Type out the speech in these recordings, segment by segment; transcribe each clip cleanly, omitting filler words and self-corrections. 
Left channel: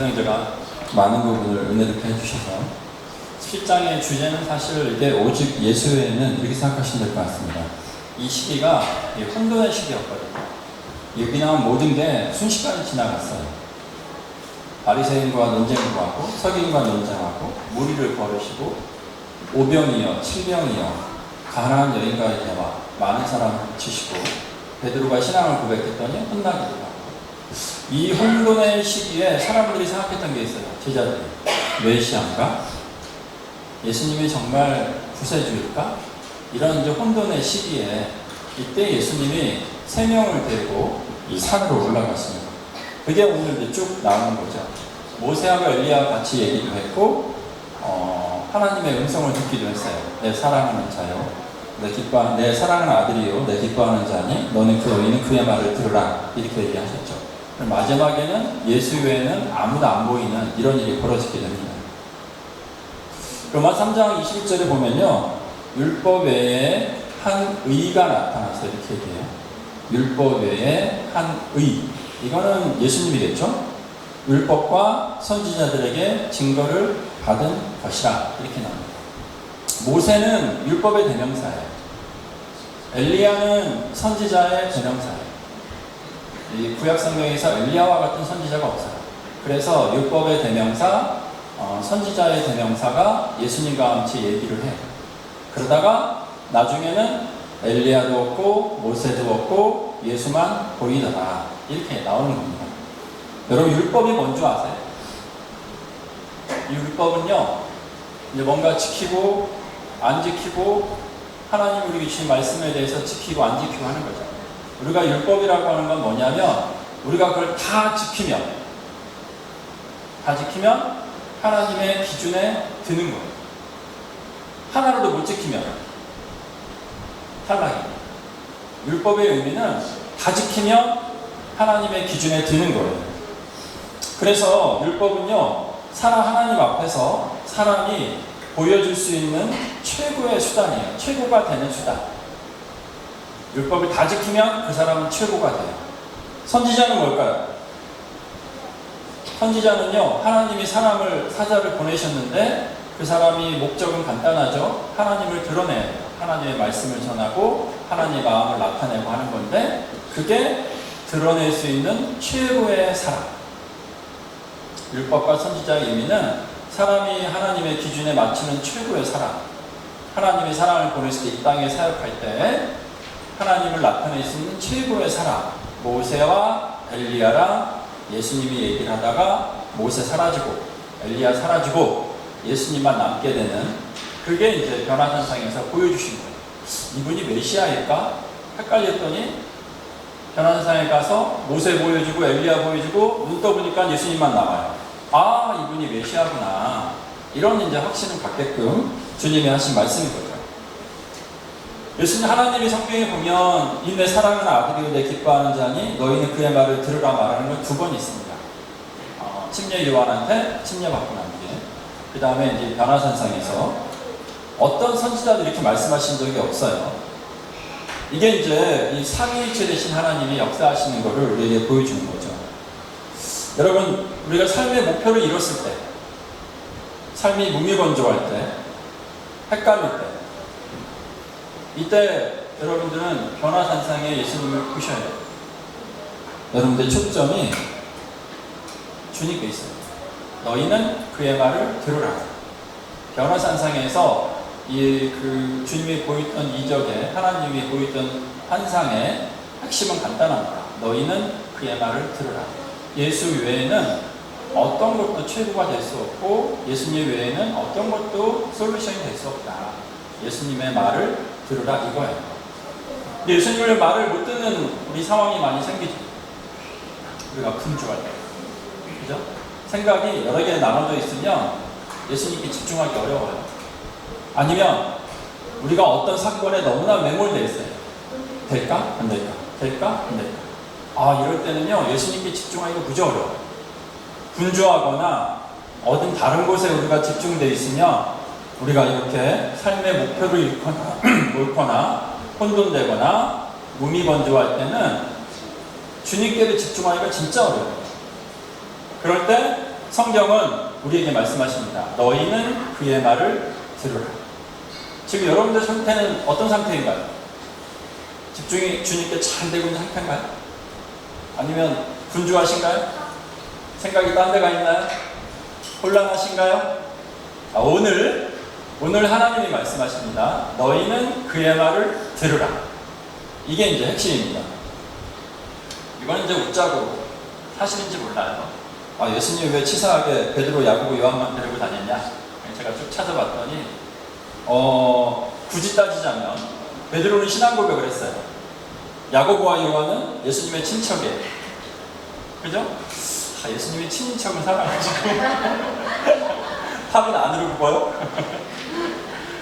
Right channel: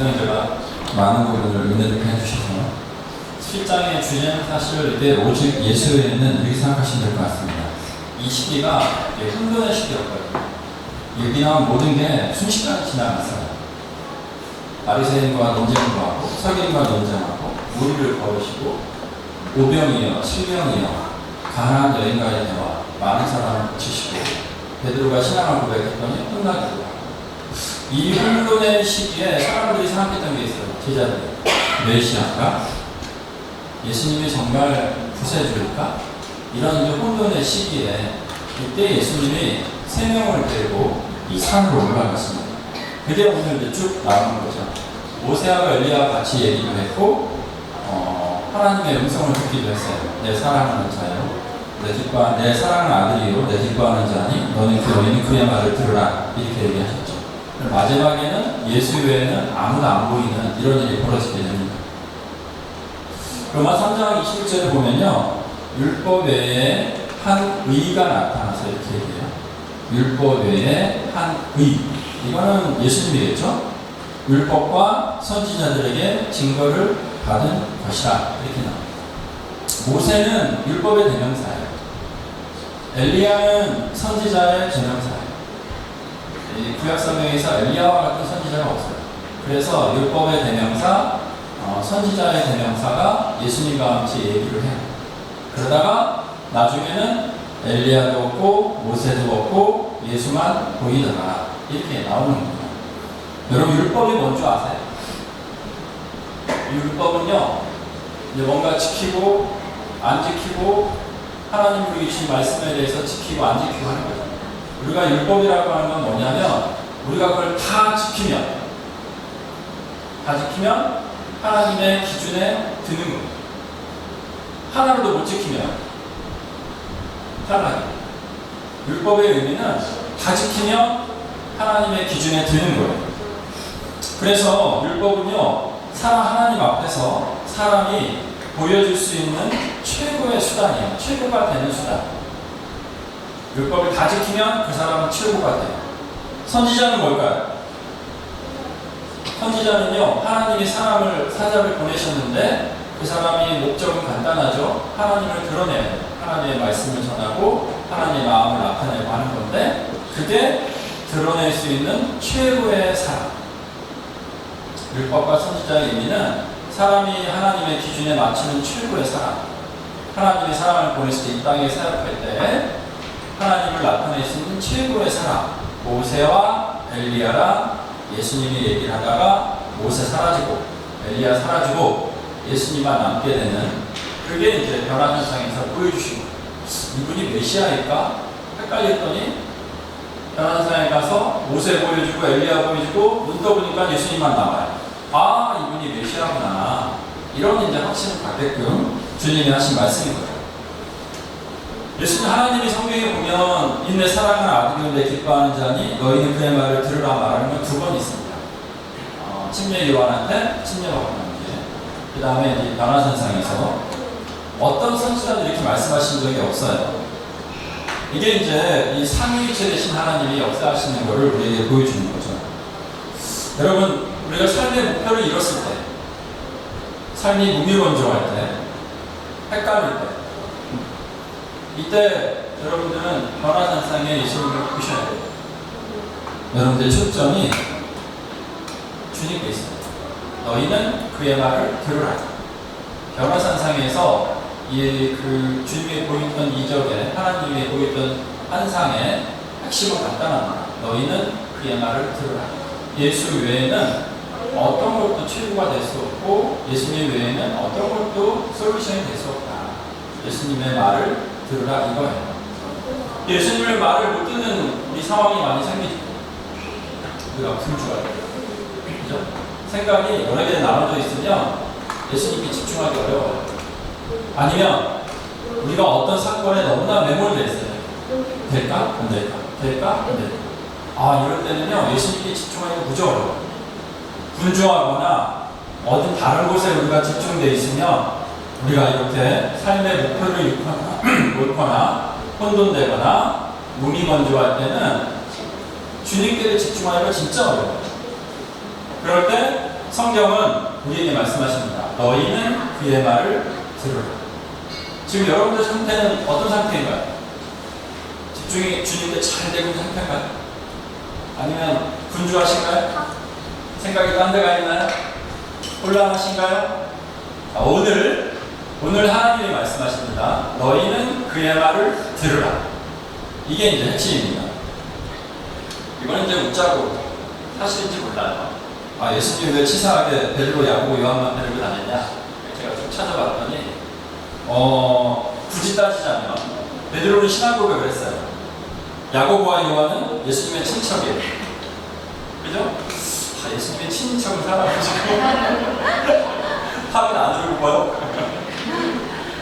성경제가 많은 부분을 은혜 듣게 해주셔서 7장의 주제는 사실 이게 오직 예수 외에는 이렇게 생각하시면 될 것 같습니다. 이 시기가 혼돈의 시기였거든요. 여기 나온 모든 게 순식간에 지나갔어요. 바리새인과 논쟁을 하고 서기관과 논쟁하고 무리를 거르시고 오병이어 7병이어 가난한 여인과의 대화, 많은 사람을 치시고 베드로가 신앙을 고백했더니 끝나기도 하고, 이 혼돈의 시기에 사람들이 생각했던 게 있어요. 제자들이 메시아인가? 예수님이 정말 구세주일까? 이런 이제 혼돈의 시기에 이때 예수님이 세 명을 데리고 이 산으로 올라갔습니다. 그게 오늘 이제 쭉 나오는 거죠. 모세하고 엘리야와 같이 얘기도 했고, 하나님의 음성을 듣기도 했어요. 내 사랑하는 자요, 내 사랑하는 아들이요, 내 기뻐하는 자니 너는 너희는 그의 말을 들으라, 이렇게 얘기하셨죠. 마지막에는 예수 외에는 아무도 안 보이는 이런 일이 벌어지게 됩니다. 로마 3장 21절에 보면요, 율법 외에 한 의가 나타나서 이렇게 얘기해요. 율법 외에 한 의. 이거는 예수님이겠죠? 율법과 선지자들에게 증거를 받은 것이라, 이렇게 나옵니다. 모세는 율법의 대명사예요. 엘리야는 선지자의 대명사예요. 이 구약 성경에서 엘리야와 같은 선지자가 없어요. 그래서 율법의 대명사, 선지자의 대명사가 예수님과 같이 얘기를 해요. 그러다가 나중에는 엘리야도 없고 모세도 없고 예수만 보이더라, 이렇게 나오는 겁니다. 여러분, 율법이 뭔지 아세요? 이 율법은요, 이제 뭔가 지키고 안 지키고, 하나님 우리 주신 말씀에 대해서 지키고 안 지키고 하는 거죠. 우리가 율법이라고 하는 건 뭐냐면, 우리가 그걸 다 지키면 하나님의 기준에 드는 거예요. 하나라도 못 지키면 탈락이에요. 율법의 의미는 다 지키면 하나님의 기준에 드는 거예요. 그래서 율법은요, 하나님 앞에서 사람이 보여줄 수 있는 최고의 수단이에요. 최고가 되는 수단. 율법을 다 지키면 그 사람은 최고가 돼요. 선지자는 뭘까요? 선지자는요, 하나님이 사자를 보내셨는데 그 사람이 목적은 간단하죠. 하나님을 드러내야 돼요. 하나님의 말씀을 전하고 하나님의 마음을 나타내고 하는 건데, 그게 드러낼 수 있는 최고의 사람. 율법과 선지자의 의미는 사람이 하나님의 기준에 맞추는 최고의 사람, 하나님의 사랑을 보냈을 때 이 땅에 사역할 때 하나님을 나타낼 수 있는 최고의 사람, 모세와 엘리야랑 예수님이 얘기를 하다가 모세 사라지고 엘리야 사라지고 예수님만 남게 되는, 그게 이제 변화산상에서 보여주시고, 이분이 메시아일까? 헷갈렸더니 변화산상에 가서 모세 보여주고 엘리야 보여주고 눈 떠보니까 예수님만 남아요. 아, 이분이 메시아구나, 이런 이제 확신을 갖게끔 주님이 하신 말씀이거든요. 예수님, 하나님이 성경에 보면 인내 사랑하는 아들이요 내 기뻐하는 자니 너희는 그의 말을 들으라 말하는 건 두 번 있습니다. 침례 요한한테 침례받고 난 뒤에, 그 다음에 이제 변화산상에서 어떤 선지자도 이렇게 말씀하신 적이 없어요. 이게 이제 이 삼위일체 되신 하나님이 역사하시는 것을 우리에게 보여주는 거죠. 여러분, 우리가 삶의 목표를 이뤘을 때, 삶이 무미건조할 때, 헷갈릴 때, 이때 여러분들은 변화산상에 예수님을 보셔야 돼요. 여러분들의 초점이 주님께 있어요. 너희는 그의 말을 들으라. 변화산상에서 그 주님이 보였던 이적에, 하나님이 보였던 환상의 핵심은 간단합니다. 너희는 그의 말을 들으라. 예수 외에는 어떤 것도 최고가 될 수 없고, 예수님 외에는 어떤 것도 솔루션이 될 수 없다. 예수님의 말을 들으라, 이거예요. 예수님의 말을 못 듣는 우리 상황이 많이 생기죠. 우리가 분주할 때, 그죠? 생각이 여러 개 나눠져 있으면 예수님께 집중하기 어려워요. 아니면 우리가 어떤 사건에 너무나 매몰되어 있어요. 될까? 안 될까? 될까? 안 될까? 이럴 때는요, 예수님께 집중하기가 무지 어려워요. 분주하거나 어딘 다른 곳에 우리가 집중되어 있으면 우리가 이렇게 삶의 목표를 잃거나 혼돈되거나 무미건조할 때는 주님께를 집중하기가 진짜 어려워요. 그럴 때 성경은 우리에게 말씀하십니다. 너희는 그의 말을 들으라. 지금 여러분들 상태는 어떤 상태인가요? 집중이 주님께 잘 되고 있는 상태인가요? 아니면 분주하신가요? 생각이 딴 데가 있나요? 혼란하신가요? 오늘 하나님이 말씀하십니다. 너희는 그의 말을 들으라. 이게 이제 핵심입니다. 이건 이제 웃자고 사실인지 몰라요. 예수님이 왜 치사하게 베드로, 야고보, 요한만 데리고 다녔냐? 제가 쭉 찾아봤더니 굳이 따지자면 베드로는 신앙 고백을 했어요. 야고보와 요한은 예수님의 친척이에요. 그죠? 예수님의 친척을 사랑하시고 합은 안 이루고 보여?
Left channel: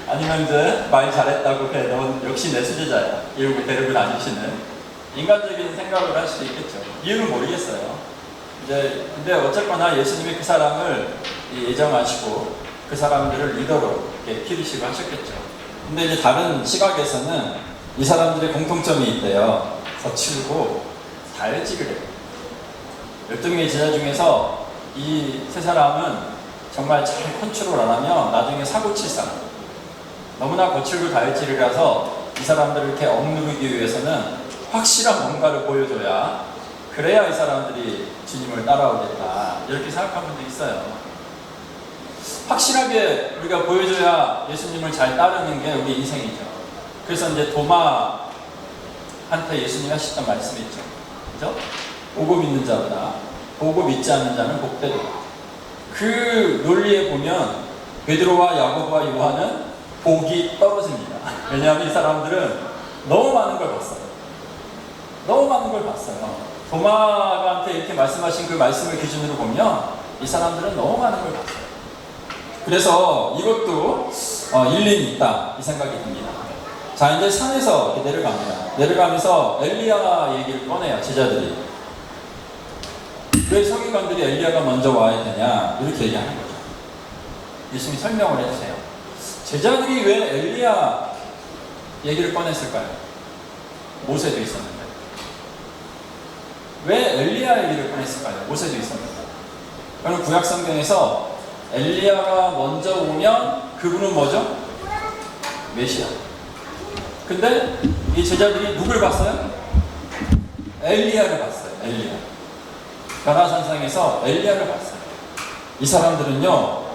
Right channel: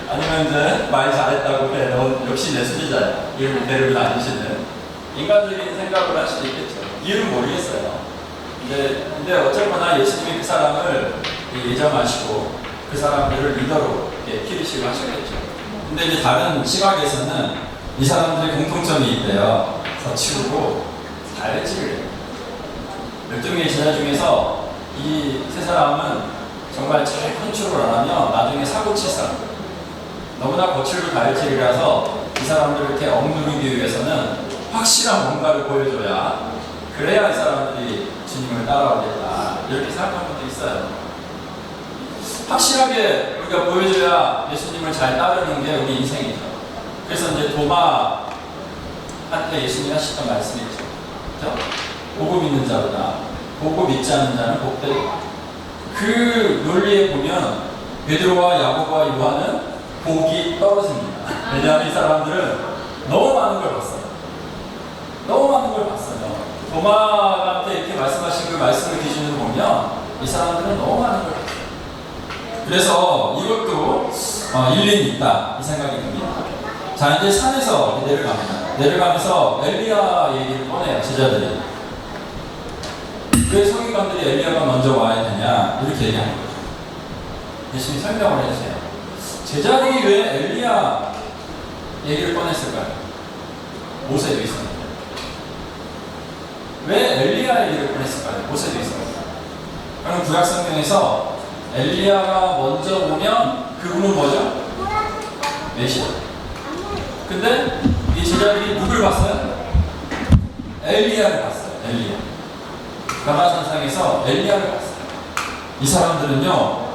아니면 이제 말 잘했다고 그래, 넌 역시 내 수제자야 이러고 데리고 다니시는 인간적인 생각을 할 수도 있겠죠. 이유는 모르겠어요. 근데 어쨌거나 예수님이 그 사람을 예정하시고 그 사람들을 리더로 키우시고 하셨겠죠. 근데 이제 다른 시각에서는 이 사람들의 공통점이 있대요. 거칠고 다혈질을 해요. 12명의 제자 중에서 이 세 사람은 정말 잘 컨트롤 안 하면 나중에 사고 칠 사람. 너무나 거칠고 다혈질이라서 이 사람들을 이렇게 억누르기 위해서는 확실한 뭔가를 보여줘야, 그래야 이 사람들이 주님을 따라오겠다 이렇게 생각한 분도 있어요. 확실하게 우리가 보여줘야 예수님을 잘 따르는 게 우리 인생이죠. 그래서 이제 도마한테 예수님이 하셨던 말씀이 있죠. 그죠? 보고 믿는 자보다 보고 믿지 않는 자는 복되다. 그 논리에 보면 베드로와 야고보와 요한은 복이 떨어집니다. 왜냐하면 이 사람들은 너무 많은 걸 봤어요. 너무 많은 걸 봤어요. 도마한테 이렇게 말씀하신 그 말씀을 기준으로 보면 이 사람들은 너무 많은 걸 봤어요. 그래서 이것도 일리는 있다 이 생각이 듭니다. 자, 이제 산에서 내려갑니다. 내려가면서 엘리야 얘기를 꺼내요, 제자들이. 왜 서기관들이 엘리야가 먼저 와야 되냐 이렇게 얘기하는 거죠. 예수님이 설명을 해주세요. 제자들이 왜 엘리야 얘기를 꺼냈을까요? 모세도 있었는데. 왜 엘리야 얘기를 꺼냈을까요? 모세도 있었는데. 그럼 구약 성경에서 엘리야가 먼저 오면 그분은 뭐죠? 메시아. 근데 이 제자들이 누굴 봤어요? 엘리야를 봤어요. 엘리야. 가나산상에서 엘리야를 봤어요. 이 사람들은요,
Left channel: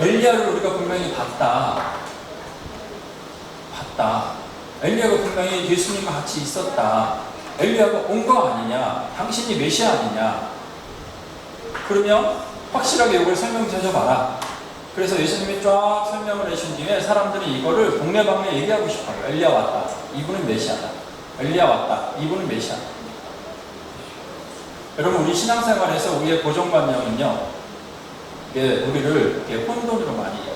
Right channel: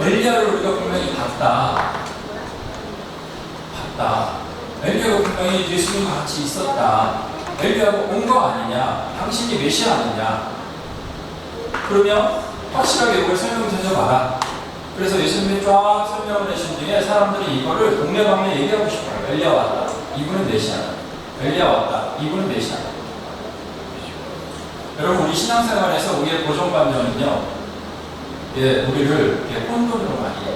엘리야를 우리가 분명히 봤다. 엘리야가 분명히 예수님과 같이 있었다. 엘리야가 온 거 아니냐? 당신이 메시아 아니냐? 그러면 확실하게 이걸 설명해줘 봐라. 그래서 예수님이 쫙 설명을 해준 뒤에 사람들이 이거를 동네방네 얘기하고 싶어요. 엘리야 왔다. 이분은 메시아다. 엘리야 왔다. 이분은 메시아다. 여러분, 우리 신앙생활에서 우리의 고정관념은요, 우리를 혼돈으로 많이 해요.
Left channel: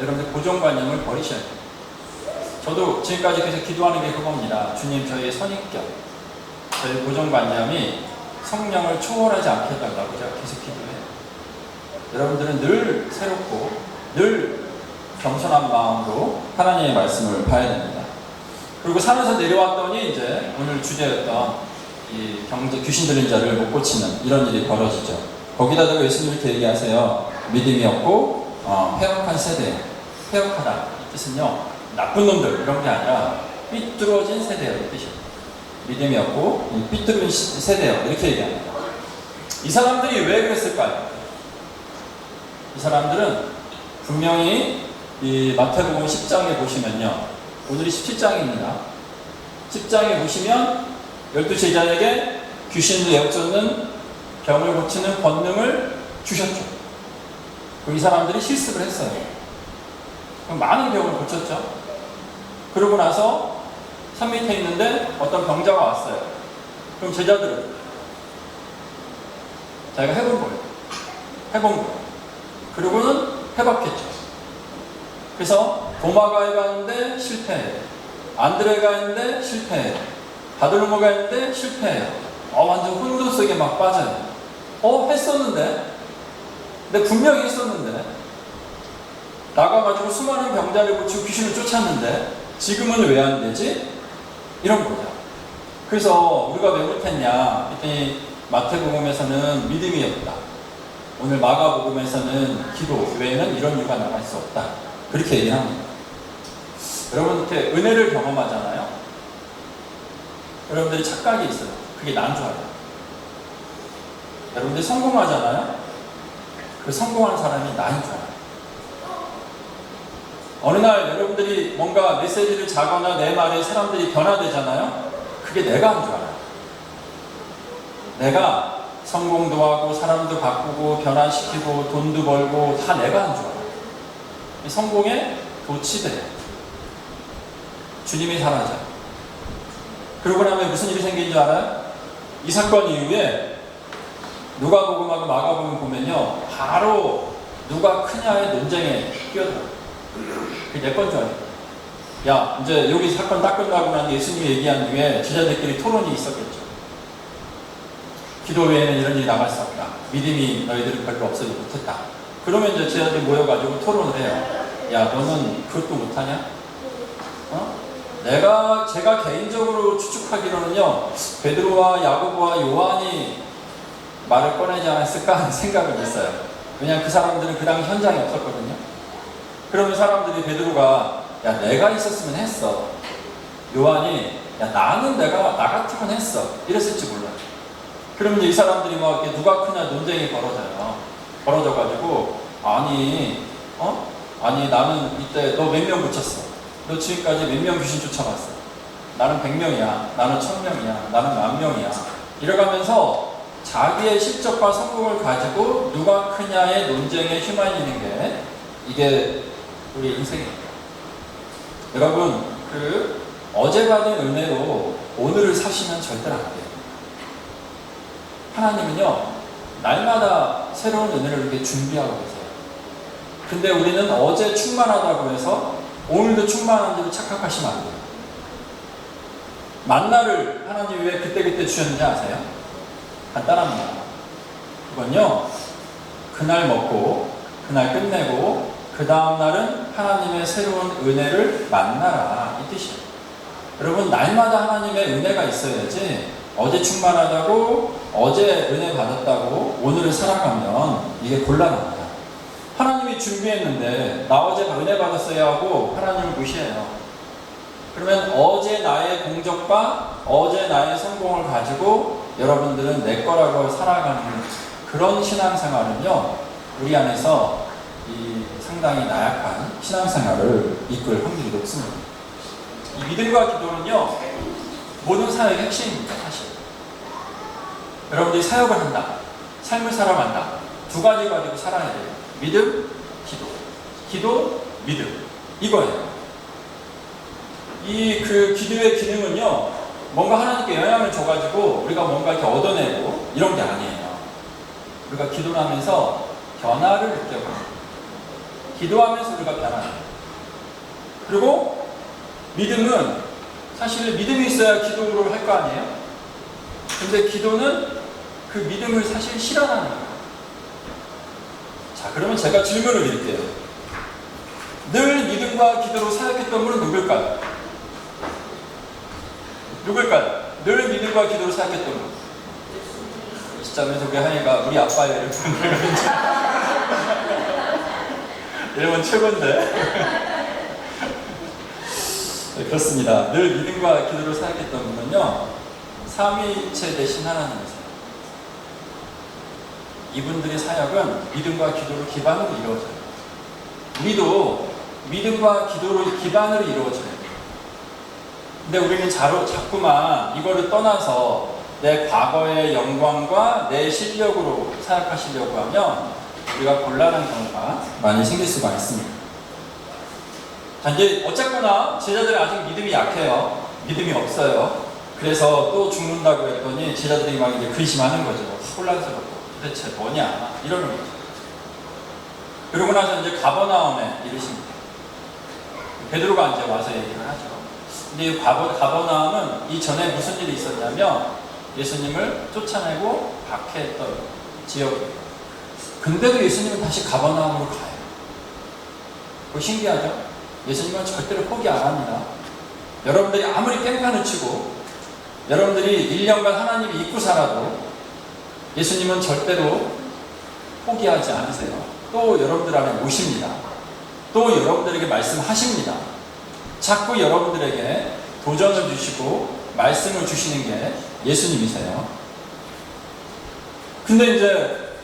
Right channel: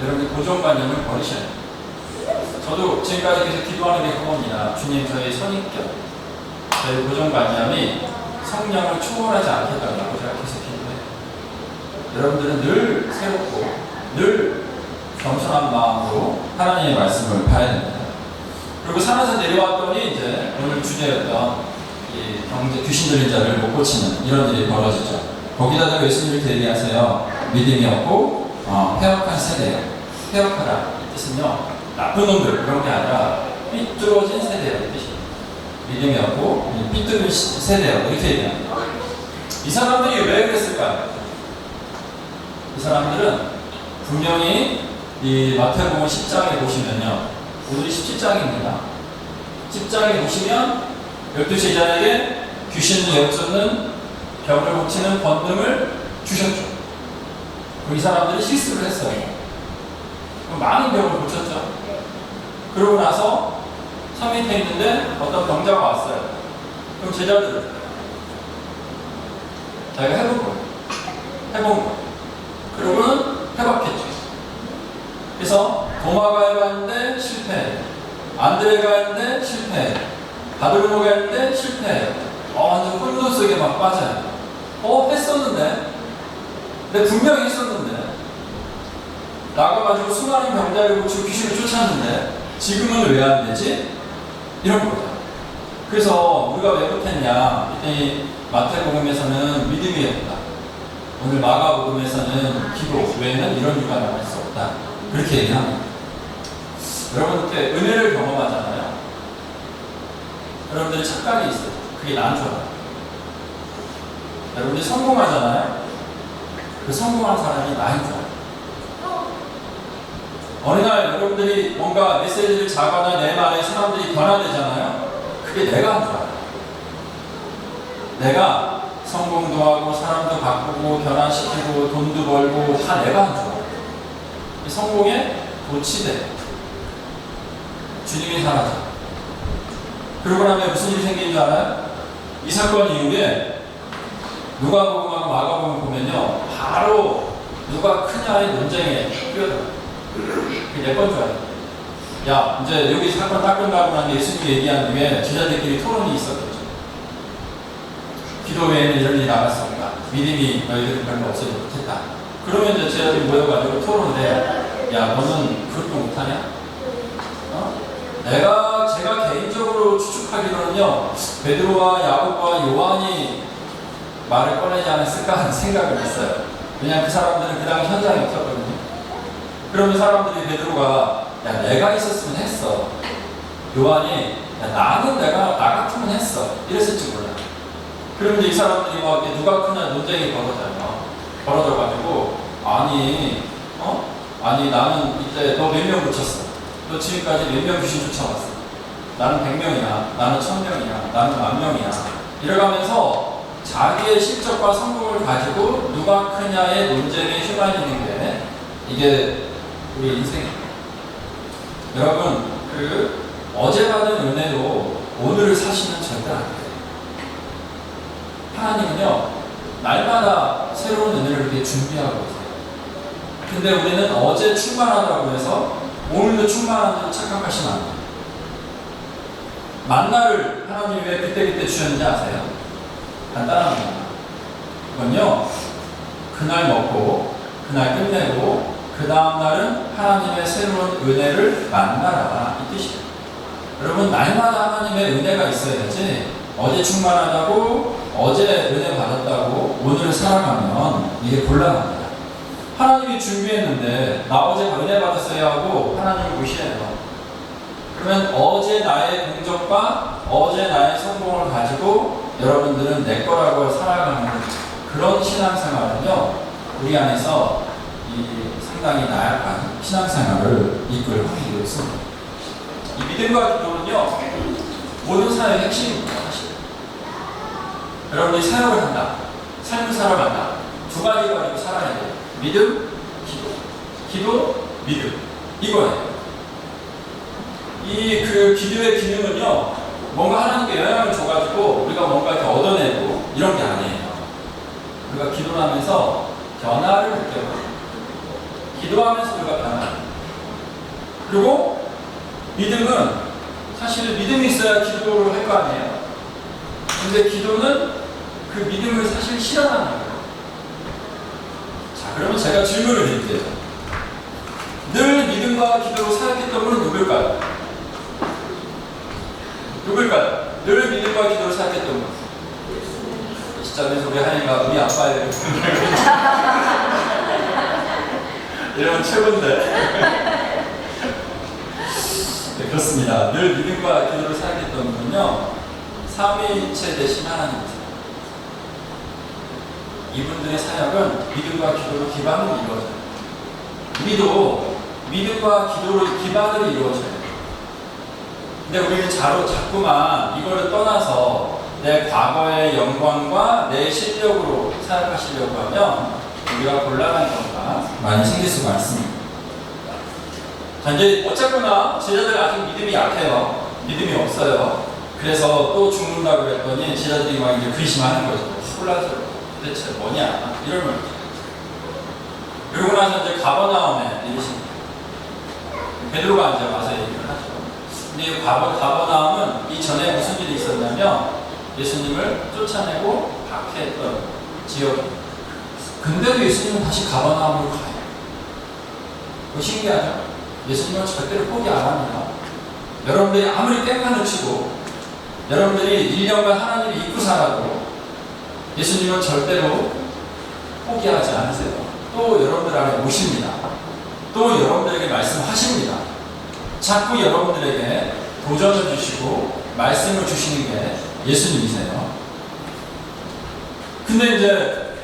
여러분들 고정관념을 버리셔야 돼요. 저도 지금까지 계속 기도하는 게 그겁니다. 주님, 저희의 선입견, 저희 고정관념이 성령을 초월하지 않게 해달라고 제가 계속 기도해요. 여러분들은 늘 새롭고 늘 겸손한 마음으로 하나님의 말씀을 봐야 됩니다. 그리고 산에서 내려왔더니 이제 오늘 주제였던 이 귀신 들린 자를 못 고치는 이런 일이 벌어지죠. 거기다가 예수님을 대리하세요. 믿음이 없고 패역한 세대예요. 패역하다 이 뜻은요, 나쁜 놈들 이런 게 아니라 삐뚤어진 세대예요. 이 뜻이. 믿음이 없고 삐뚤은 세대예요. 이렇게 얘기합니다. 이 사람들이 왜 그랬을까요? 이 사람들은 분명히 이 마태복음 10장에 보시면요, 오늘이 17장입니다. 10장에 보시면 12제자에게 귀신을 내어쫓는 병을 고치는 권능을 주셨죠. 그럼 이 사람들이 실수를 했어요. 그럼 많은 병을 고쳤죠. 그러고 나서 산 밑에 있는데 어떤 병자가 왔어요. 그럼 제자들은 자기가 해본 거예요. 그리고는 해봤겠죠. 그래서 도마가 해봤는데 실패해요. 안드레가 했는데 실패해요. 바드로모가 했는데 실패해요. 완전 혼돈 속에 막 빠져요. 했었는데, 근데 분명히 했었는데, 나가가지고 수많은 병자를 고치고 귀신을 쫓았는데 지금은 왜 안 되지? 이런 거죠. 그래서 우리가 왜 못했냐? 마태복음에서는 믿음이 없다. 오늘 마가복음에서는 기도 외에는 이런 이유가 나갈 수 없다. 그렇게 얘기를 합니다. 여러분 이렇게 은혜를 경험하잖아요. 여러분들이 착각이 있어요. 그게 나인 줄 알아요. 여러분들이 성공하잖아요. 그 성공한 사람이 나인 줄 알아요. 어느 날 여러분들이 뭔가 메시지를 자거나 내 말에 사람들이 변화되잖아요. 그게 내가 한 줄 알아요. 내가 성공도 하고 사람도 바꾸고 변화시키고 돈도 벌고 다 내가 한 줄 알아요. 성공에 도취돼. 주님이 사라져. 그러고 나면 무슨 일이 생긴 줄 알아요? 이 사건 이후에 누가복음하고 마가복음 보면요, 바로 누가 크냐의 논쟁에 뛰어들어요. 그게 내 건 줄 알아요. 야, 이제 여기 사건 딱 끝나고 난 예수님이 얘기한 뒤에 제자들끼리 토론이 있었겠죠. 기도 외에는 이런 일이 나갈 수 없다. 믿음이 너희들은 별로 없어지 못했다. 그러면 이제 제자들이 모여가지고 토론을 해요. 야, 너는 그것도 못하냐? 제가 개인적으로 추측하기로는요, 베드로와 야고보와 요한이 말을 꺼내지 않았을까 하는 생각을 했어요. 왜냐하면 그 사람들은 그 당시 현장에 없었거든요. 그러면 사람들이 베드로가 야, 내가 있었으면 했어. 요한이 야, 나는 나 같으면 했어. 이랬을지 몰라요. 그러면 이 사람들이 막 누가 크냐 논쟁이 벌어져요. 벌어져가지고 아니 나는 이때 너 몇 명 붙였어? 너 지금까지 몇 명 귀신 쫓아왔어? 나는 100명이야. 나는 1000명이야. 나는 10,000명이야. 이래가면서 자기의 실적과 성공을 가지고 누가 크냐의 논쟁에 휘말리는 게 이게 우리 인생이에요. 여러분, 어제 받은 은혜로 오늘을 사시면 절대 안 돼요. 하나님은요, 날마다 새로운 은혜를 이렇게 준비하고 계세요. 근데 우리는 어제 충만하다고 해서 오늘도 충만한 대로 착각하시면 안 돼요. 만나를 하나님 왜 그때그때 주셨는지 아세요? 간단합니다. 그건요, 그날 먹고 그날 끝내고 그 다음날은 하나님의 새로운 은혜를 만나라, 이 뜻이에요. 여러분, 날마다 하나님의 은혜가 있어야지 어제 충만하다고 어제 은혜 받았다고 오늘을 살아가면 이게 곤란합니다. 하나님이 준비했는데 나 어제 은혜 받았어야 하고 하나님을 무시해요. 그러면 어제 나의 공적과 어제 나의 성공을 가지고 여러분들은 내 거라고 살아가는 그런 신앙생활은요, 우리 안에서 상당히 나약한 신앙생활을 이끌 확률이 높습니다. 이 믿음과 기도는요, 모든 사역의 핵심입니다. 사실 여러분들이 사역을 한다, 삶을 살아간다, 두 가지 가지고 살아야 돼요. 믿음, 기도. 기도, 믿음. 이거예요. 기도의 기능은요, 뭔가 하나님께 영향을 줘가지고 우리가 뭔가 이렇게 얻어내고 이런 게 아니에요. 우리가 기도를 하면서 변화를 느껴요. 기도하면서 우리가 변화해요. 그리고 믿음은 사실 믿음이 있어야 기도를 할 거 아니에요. 근데 기도는 그 믿음을 사실 실현하는 거예요. 자, 그러면 제가 질문을 드릴게요. 늘 믿음과 기도로 사역했던 분은 누굴까요? 누굴까요? 늘 믿음과 기도로 사역했던 분. 이 시점에서 우리 하니까 우리 아빠의 이러면 최고인데. 네, 그렇습니다. 늘 믿음과 기도로 사역했던 분은요, 삼위일체 되신 하나님이세요. 이분들의 사역은 믿음과 기도로 기반으로 이루어져요. 우리도 믿음과 기도로 기반으로 이루어져요. 근데 우리는 자꾸만 이거를 떠나서 내 과거의 영광과 내 실력으로 사역하시려고 하면 우리가 곤란한 경우가 많이 생길 수가 있습니다. 자, 이제 어쨌거나 제자들 아직 믿음이 약해요. 믿음이 없어요. 그래서 또 죽는다고 그랬더니 제자들이 막 이제 근심하는 거죠. 혼란스럽고 도대체 뭐냐 이러는 거죠. 그러고 나서 이제 가버나움에 이르십니다. 베드로가 이제 와서 얘기를 하죠. 근데 이 가버나움은 이전에 무슨 일이 있었냐면 예수님을 쫓아내고 박해했던 지역입니다. 근데도 예수님은 다시 가버나움으로 가요. 그거 신기하죠? 예수님은 절대로 포기 안 합니다. 여러분들이 아무리 땡간을 치고 여러분들이 1년간 하나님을 잊고 살아도 예수님은 절대로 포기하지 않으세요. 또 여러분들 안에 오십니다. 또 여러분들에게 말씀하십니다. 자꾸 여러분들에게 도전을 주시고 말씀을 주시는 게 예수님이세요. 근데 이제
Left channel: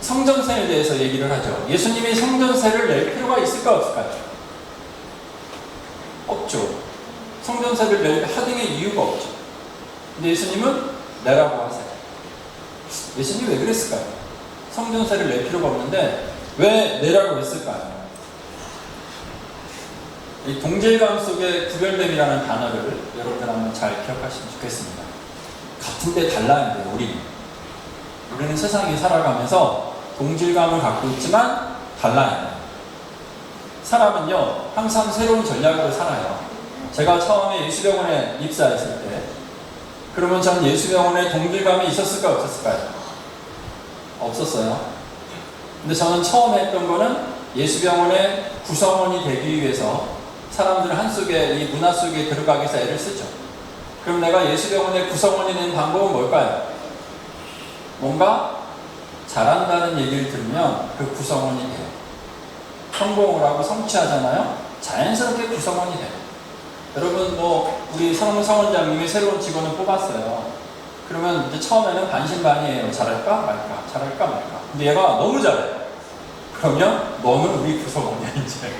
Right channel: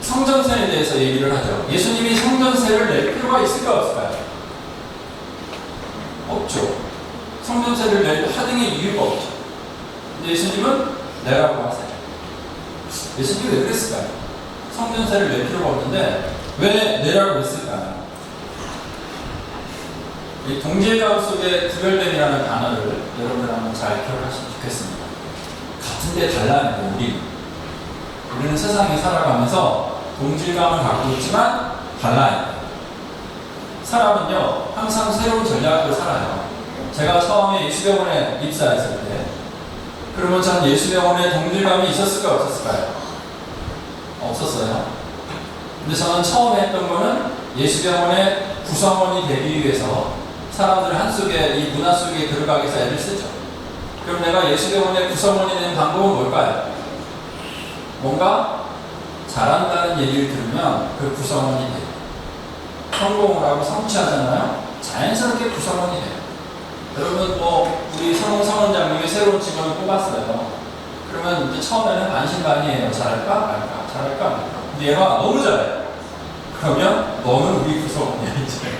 성전세에 대해서 얘기를 하죠. 예수님이 성전세를 낼 필요가 있을까 없을까요? 없죠. 성전세를 낼 하등의 이유가 없죠. 근데 예수님은 내라고 하세요. 예수님이 왜 그랬을까요? 성전세를 낼 필요가 없는데 왜 내라고 했을까요? 이 동질감 속의 구별됨이라는 단어를 여러분들 한번 잘 기억하시면 좋겠습니다. 같은데 달라요, 우리는 세상에 살아가면서 동질감을 갖고 있지만 달라요. 사람은요, 항상 새로운 전략을 살아요. 제가 처음에 예수병원에 입사했을 때, 그러면 전 예수병원에 동질감이 있었을까, 없었을까요? 없었어요. 근데 저는 처음에 했던 거는 예수병원의 구성원이 되기 위해서 사람들 한속에, 이 문화 속에 들어가기 위해서 애를 쓰죠. 그럼 내가 예수병원의 구성원이 되는 방법은 뭘까요? 뭔가 잘한다는 얘기를 들으면 그 구성원이 돼요. 성공을 하고 성취하잖아요. 자연스럽게 구성원이 돼요. 여러분 우리 성원장님이 새로운 직원을 뽑았어요. 그러면 이제 처음에는 반신반의해요. 잘할까 말까, 잘할까 말까. 근데 얘가 너무 잘해요. 그러면 너는 우리 구성원이야 이제.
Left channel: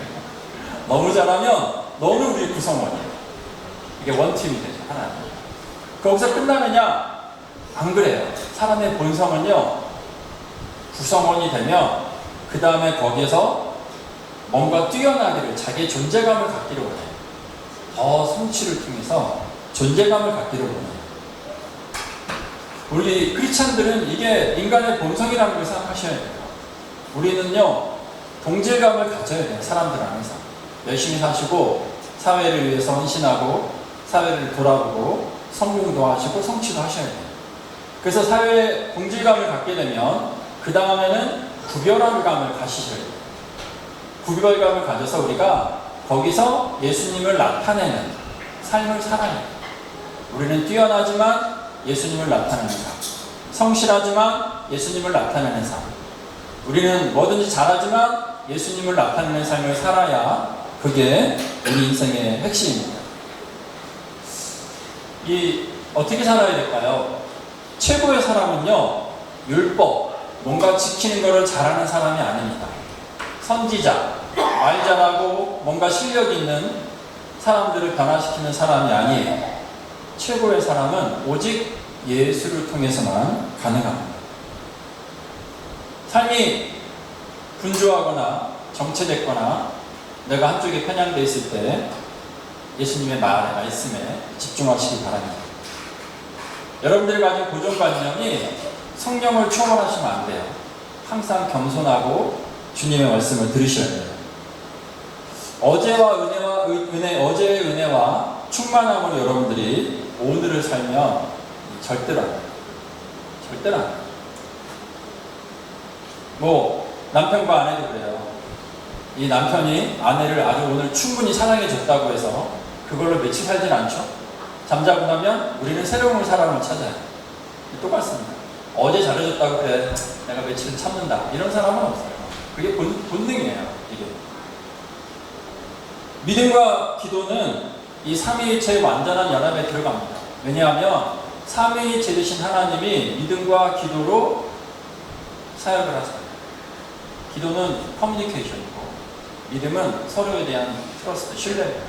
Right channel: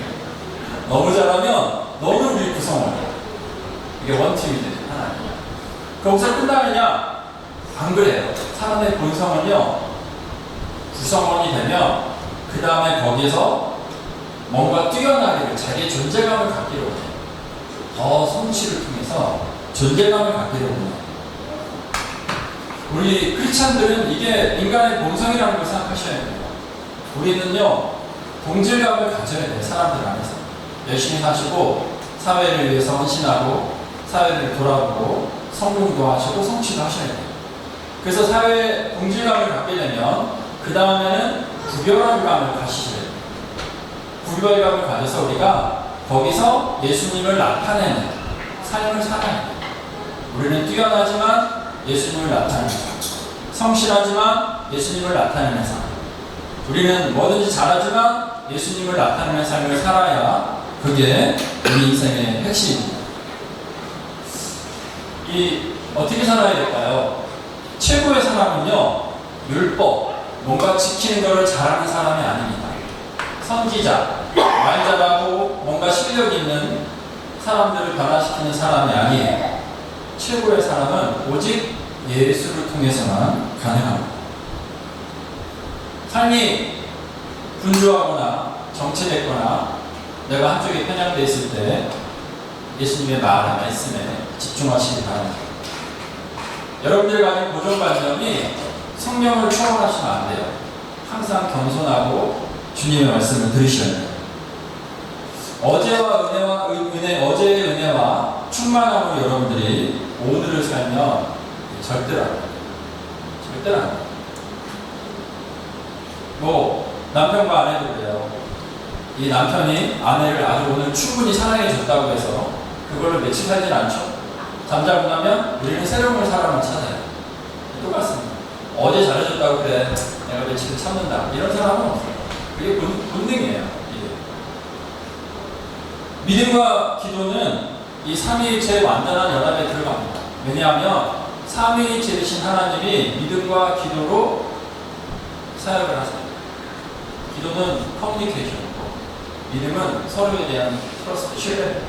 너무 잘하면 너는 우리 구성원이야. 이게 원팀이 되죠. 하나님. 거기서 끝나느냐? 안 그래요. 사람의 본성은요, 구성원이 되면 그 다음에 거기에서 뭔가 뛰어나기를, 자기의 존재감을 갖기를 원해요. 더 성취를 통해서 존재감을 갖기를 원해요. 우리 크리스찬들은 이게 인간의 본성이라는 걸 생각하셔야 돼요. 우리는요, 동질감을 가져야 돼요. 사람들 안에서. 열심히 사시고, 사회를 위해서 헌신하고, 사회를 돌아보고, 성공도 하시고, 성취도 하셔야 돼요. 그래서 사회에 동질감을 갖게 되면 그 다음에는 구별한 감을 가지셔야 돼요. 구별감을 가져서 우리가 거기서 예수님을 나타내는 삶을 살아야 돼요. 우리는 뛰어나지만 예수님을 나타내는 삶, 성실하지만 예수님을 나타내는 삶, 우리는 뭐든지 잘하지만 예수님을 나타내는 삶을 살아야 그게 우리 인생의 핵심입니다. 어떻게 살아야 될까요? 최고의 사람은요, 율법, 뭔가 지키는 것을 잘하는 사람이 아닙니다. 선지자, 말 잘하고 뭔가 실력 있는 사람들을 변화시키는 사람이 아니에요. 최고의 사람은 오직 예수를 통해서만 가능합니다. 삶이 분주하거나 정체됐거나 내가 한쪽에 편향되어 있을 때 예수님의 말씀에 집중하시기 바랍니다. 여러분들이 가진 고정관념이 성령을 초월하시면 안 돼요. 항상 겸손하고 주님의 말씀을 들으셔야 돼요. 어제의 은혜와 충만함으로 여러분들이 오늘을 살면 절대로 안 돼요. 절대로 안 돼요. 남편과 아내도 그래요. 이 남편이 아내를 아주 오늘 충분히 사랑해 줬다고 해서 그걸로 며칠 살진 않죠. 잠자고 나면 우리는 새로운 사람을 찾아요. 똑같습니다. 어제 잘해줬다고 그래, 내가 며칠 참는다, 이런 사람은 없어요. 그게 본능이에요. 이게. 믿음과 기도는 이 삼위일체의 완전한 연합에 들어갑니다. 왜냐하면 삼위일체이신 하나님이 믿음과 기도로 사역을 하세요. 기도는 커뮤니케이션이고 믿음은 서로에 대한 트러스트, 신뢰입니다.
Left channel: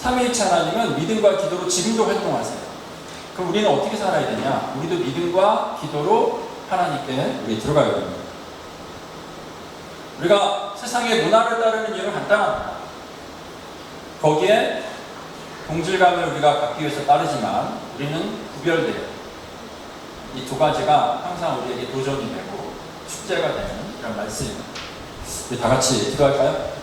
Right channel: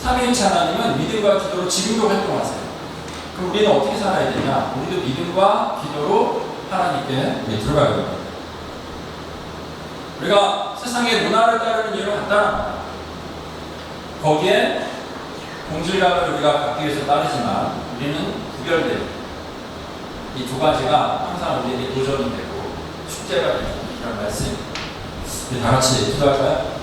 삼위일체 하나님은 믿음과 기도로 지금도 활동하세요. 그럼 우리는 어떻게 살아야 되냐? 우리도 믿음과 기도로 하나님께 우리 들어가야 됩니다. 우리가 세상의 문화를 따르는 이유는 간단합니다. 거기에 동질감을 우리가 갖기 위해서 따르지만 우리는 구별돼요. 이 두 가지가 항상 우리에게 도전이 되고 숙제가 되는 이런 말씀입니다. 우리 다 같이 기도할까요?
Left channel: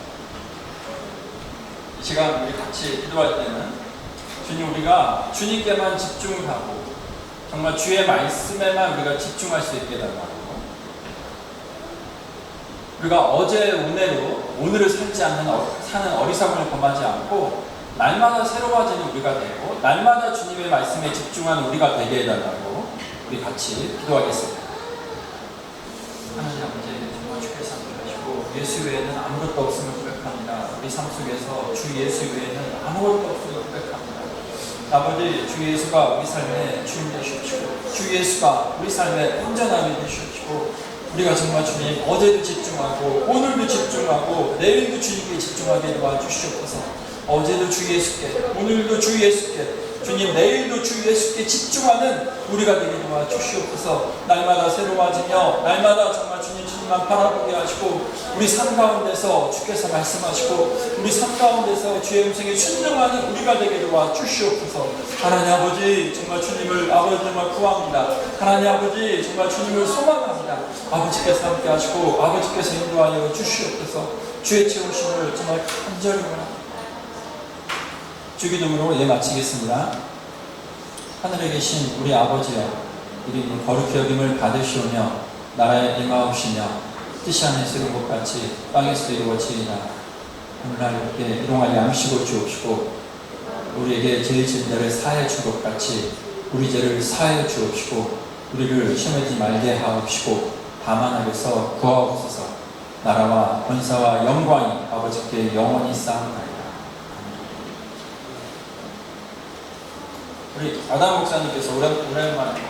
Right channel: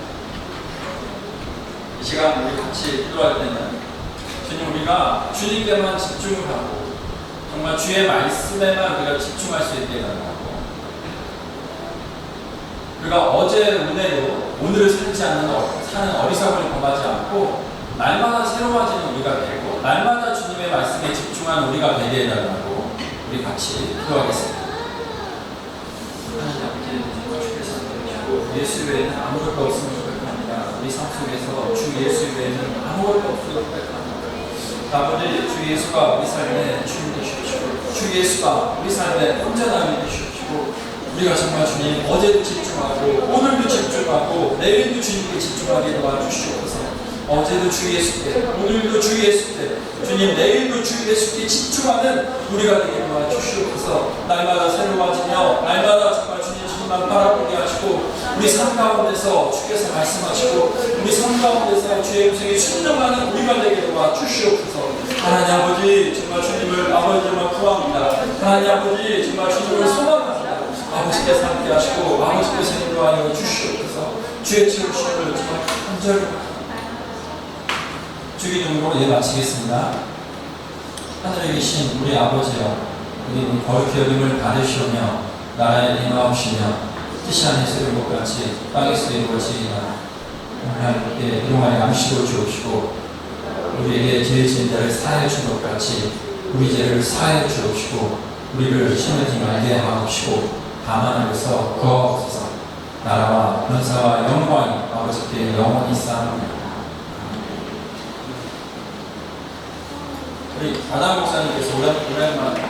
이 시간 우리 같이 기도할 때는 주님, 우리가 주님께만 집중을 하고 정말 주의 말씀에만 우리가 집중할 수 있게 해달라고, 우리가 어제의 은혜로 오늘을 살지 않는 사는 어리석음을 범하지 않고 날마다 새로워지는 우리가 되고 날마다 주님의 말씀에 집중하는 우리가 되게 해달라고 우리 같이 기도하겠습니다. 하나님 아버지, 정말 주께서 함께하시고 예수 외에는 아무것도 없음을 고백합니다. 우리 삶 속에서 주 예수 외에는 아무것도 없음을 고백합니다. 아버지, 주 예수가 우리 삶의 주인 되시옵시고 주 예수가 우리 삶의 온전함이 되시옵시고 우리가 정말 주님 어제도 집중하고 오늘도 집중하고 내일도 주님께 집중하게 도와주시옵소서. 어제도 주 예수께, 오늘도 주 예수께, 주님 내일도 주 예수께 집중하는 우리가 되게 도와주시옵소서. 날마다 새로워지며 날마다 정말 주님만 바라보게 하시고 우리 삶 가운데서 주께서 말씀하시고 우리 삶 가운데서 주의 음성에 순종하는 우리가 되게 도와주시옵소서. 하나님 아버지, 정말 주님을 아버지 정말 구합니다. 하나님 아버지, 정말 주님을 소망합니다. 아버지께서 함께 하시고 아버지께서 인도하여 주시옵소서. 주의 지으심을 정말 간절히 주기도문으로 마치겠습니다. 하늘에 계신 우리 아버지여, 우리 거룩히 여김을 받으시오며 나라에 임하옵시며 뜻이 하늘에서 이룬 것 같이 땅에서도 이루어지이다. 하나님께 일용할 양식을 주옵시고 우리에게 죄 지은 자를 사하여 준 것 같이 우리 죄를 사하여 주옵시고 우리를 시험하지 말게 하옵시고 다만 하여서 구하옵소서. 나라와 권사와 영광이 아버지께 영원히 쌓옵나이다. 우리 아담 목사님께서 오랜만에